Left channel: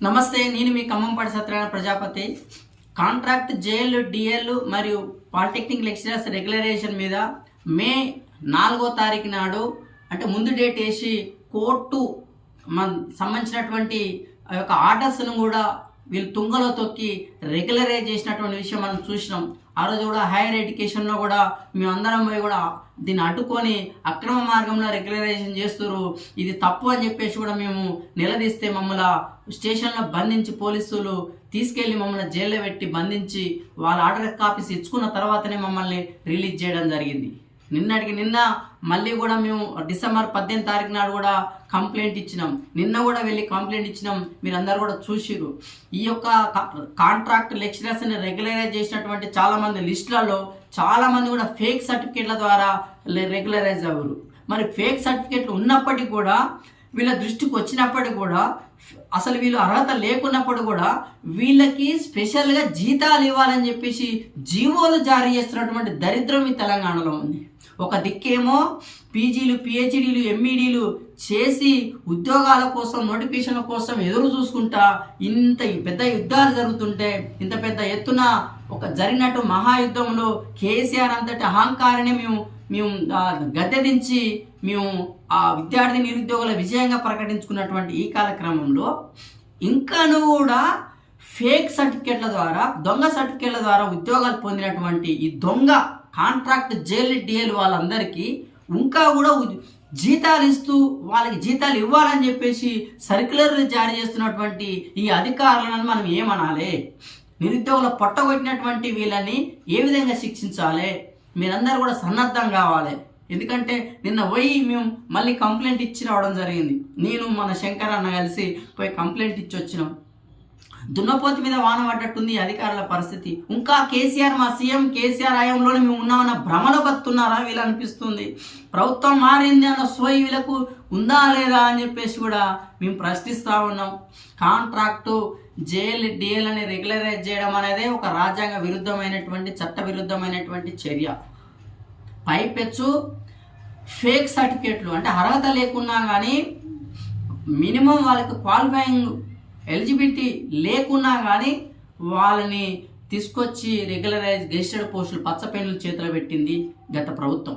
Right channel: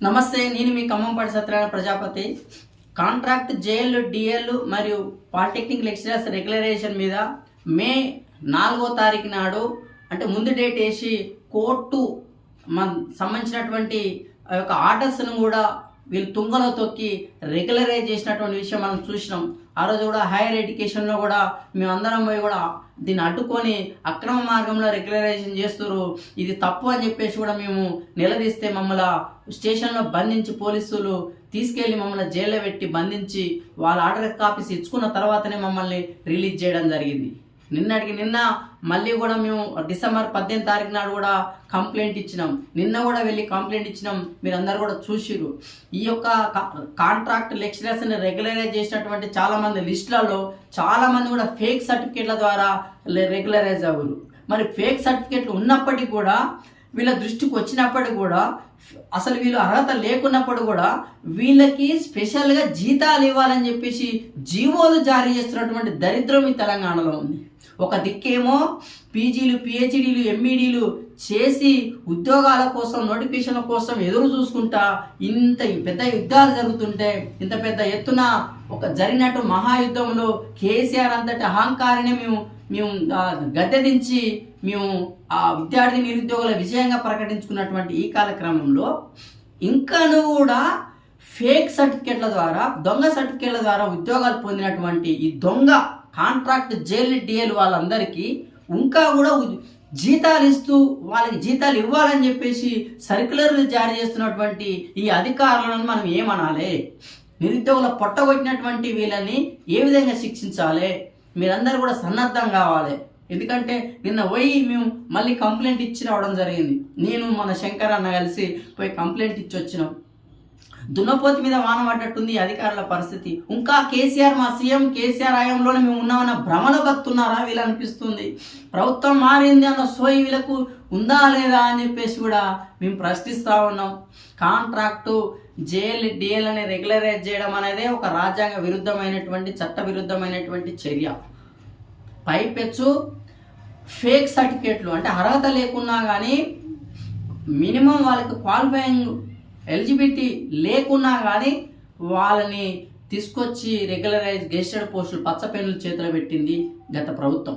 నమస్తే నేను మీ Khammampati Satyanarayana Prajapati. Contract JL DL మరియు పాలిటెక్నిక్ లెక్చరర్స్ రెగ్యులరేషన్ మీద మే నాలుగో తారీఖు నాడు అంటే ముందు డేట్ వేసి కోర్టు మన సంబంధించినటువంటి ఆ యొక్క ఆర్డర్స్ను కూడా వీళ్ళు తుంగలో తొక్కి రెగ్యులరైజ్ చేసినటువంటి విషయం మనం చూసినాం. ఆ రోజు కూడా హైయర్ ఎడ్యుకేషన్లో కూడా మేమందరం పోయి కూడా దీన్ని అడ్డుకొని అక్రమ మార్గంలో రెగ్యులరైజేషన్ చేస్తున్నారు ఇది తప్పు అని చెప్పేసి కూడా మేము నిలదీస్తే మమ్మల్ని స్టేషన్లో బంధించి పోలీసులు తీసుకెళ్ళి మమ్మల్ని జైల్లో పెట్టి బంధించి వాళ్ళ ఆర్డర్ కాపీస్ ఇచ్చుకున్న తర్వాతనే మమ్మల్ని రిలీజ్ చేయడం జరిగింది. నిన్నటికి నిన్న మళ్ళీ కూడా మేము డిసెంబర్ పద్దెనిమిది తారీఖు నాడు కూడా కంప్లైంట్ ఇచ్చినాం. నిన్న కూడా వెళ్ళి కంప్లైంట్ ఇచ్చినాం. మీరు అందరు కూడా చూసిరు ఈ యొక్క కాంట్రాక్ట్ లెక్చరర్స్ని రెగ్యులరైజ్ చేసినటువంటి చాలామంది లిస్టులలో చాలామంది కూడా ఫేక్ సర్టిఫికేట్ల ద్వారా రెగ్యులరైజ్ అవ్వరు. మరి ఫేక్ సర్టిఫికేట్లు ఉన్నప్పటికీ కూడా వీళ్ళ దృష్టికి వచ్చినప్పటికీ కూడా అసలు వీళ్ళు అర్హత లేకున్నప్పుడు కూడా వీళ్ళకి స్పెషల్గా జీతాలు ఇవ్వాలని చెప్పేసి జీవోలు జారీ చేస్తున్నటువంటి దరిద్రం ఈ తెలంగాణలో ఉంది. ఒక దిక్కేమో పీజీలు పిహెచ్డీలు ఎంఈడీలు చేసి ఉద్యోగాల కోసం నోటిఫికేషన్ల కోసం ఎదురు చూసుకుంటా ఇంత పెద్ద యుద్ధాలు జరుగుతుంటే ఇంత పెద్ద ఎత్తున ఒక జరిగినట్టు మహాయుద్ధంలో కేసీఆర్ అంతటి అహంకారాన్ని మేము మేము గద్దెదించి మేము ఆ విద్యార్థి నిరుద్యోగుల విజయంగా ప్రకటించుకున్నటువంటి ఈ కాలక్రమంలో ఇంకాను కూడా ఫేక్ సర్టిఫికేట్ల ద్వారా దొంగ సర్టిఫికేట్ల ద్వారా ఉద్యోగాలు పొందినటువంటి ఈ దొంగ కాంట్రాక్ట్ జైలు డిఎల్ వాళ్ళందరికీ ఇంకా కూడా జీతాలు ఇస్తూ వాళ్ళకి జీతాలు ఇవ్వాలని చెప్పేసి సర్క్యులర్లు జారీ చేస్తున్నటువంటి ఈ అధికారులను మనం ఏమనాలి? నిరుద్యోగుల పొట్టగొట్టినటువంటి వీళ్ళని ఏ విధంగా శిక్షించాలి? మీరందరూ కూడా సన్నద్ధం కావాలి. ఎందుకంటే నిన్న పోయి మేము మళ్ళీ కంప్లైంట్ ఇచ్చి రావడం జరిగింది. నేను మన శంకర్ అన్న కలిసి పోయి కంప్లైంట్ ఇచ్చి వచ్చినాం దున్నపోతి మీద వాన పడ్డట్టుంది అధికారుల పరిస్థితి. ఇంకా కేసీఆర్ మా సీఎం కేసీఆర్ హయాంలోనే మేము ఉన్నామన్న భ్రమలో బతున్నారా వీళ్ళు అనిపిస్తుంది. ప్రభుత్వం మారింది అన్న సోయి వీళ్ళకు ఉందా లేదా అని చెప్పేసి కూడా మేము ప్రశ్నిస్తూ ఉన్నాం. కాంట్రాక్టు జేఎల్ డిఎల్ అని రెగ్యులరైజ్ చేయడం అనేది ఒక రాజ్యాంగ విరుద్ధమైనటువంటి చట్ట విరుద్ధమైనటువంటి చర్య. పైపెచ్చు ఫేక్ సర్టిఫికేట్లు. అంటే అర్హత లేకున్నా కానీ మినిమం వాళ్ళకి క్వాలిఫైయింగ్ ఎలిజిబిలిటీ లేకున్నా కానీ వాళ్ళని తీసుకొచ్చి రెగ్యులరైజ్ గెజిస్టర్డ్ పోస్టులు పచ్చ పెన్నులు చేతిలో పెట్టింది గత ప్రభుత్వం.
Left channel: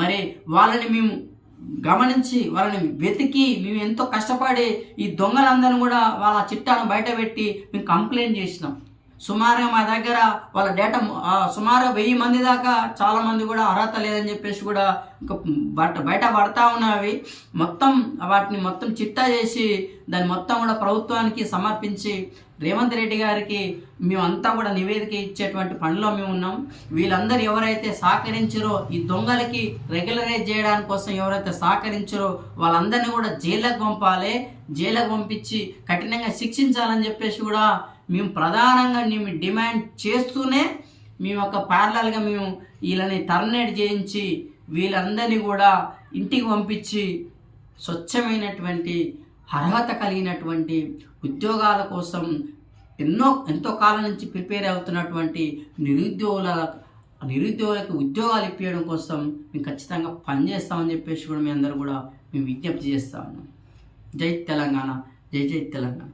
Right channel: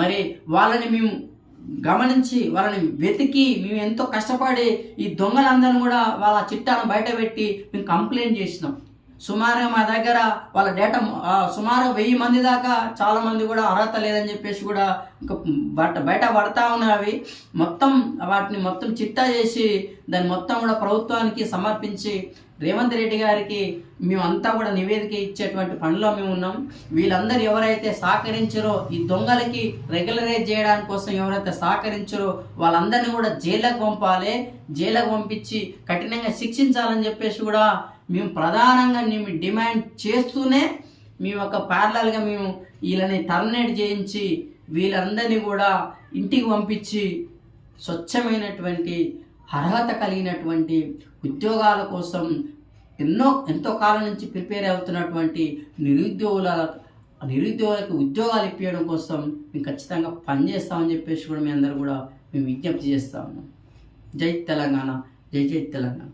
మరి వాళ్ళని మేము గమనించి వాళ్ళని వెతికి మేము ఎంతో కష్టపడి ఈ దొంగలందరిని కూడా వాళ్ళ చిట్టాను బయట పెట్టి మేము కంప్లైంట్ చేసినాం. సుమారుగా మా దగ్గర వాళ్ళ డేటా సుమారు వెయ్యి మంది దాకా చాలా మంది కూడా అర్హత లేదని చెప్పేసి కూడా ఇంకా బట్ట బయట పడతా ఉన్నవి. మొత్తం వాటిని మొత్తం చిట్టా చేసి దాన్ని మొత్తం కూడా ప్రభుత్వానికి సమర్పించి రేవంత్ రెడ్డి గారికి మేమంతా కూడా నివేదిక ఇచ్చేటువంటి పనిలో మేము ఉన్నాం. వీళ్ళందరూ ఎవరైతే సహకరించారో ఈ దొంగలకి రెగ్యులరైజ్ చేయడానికి కోసం ఎవరైతే సహకరించారో వాళ్ళందరినీ కూడా జైళ్ళకు పంపాలి. జైలకు పంపించి కఠినంగా శిక్షించాలని చెప్పేసి కూడా మేము ప్రధానంగా మేము డిమాండ్ చేస్తూనే మేము ఒక ప్యారలల్గా మేము వీళ్ళని టర్మినేట్ చేయించి వీళ్ళందరినీ కూడా ఇంటికి పంపించి స్వచ్ఛమైనటువంటి అర్హత కలిగినటువంటి ఉద్యోగాల కోసం ఎన్నో ఎంతో కాలం నుంచి ప్రిపేర్ అవుతున్నటువంటి నిరుద్యోగుల నిరుద్యోగులకు ఉద్యోగాలు ఇప్పించడం కోసం మేము ఖచ్చితంగా పనిచేస్తామని చెప్పేసి కూడా మీ అందరూ కూడా మేము విజ్ఞప్తి చేస్తా ఉన్నాం. జై తెలంగాణ జై జై తెలంగాణ.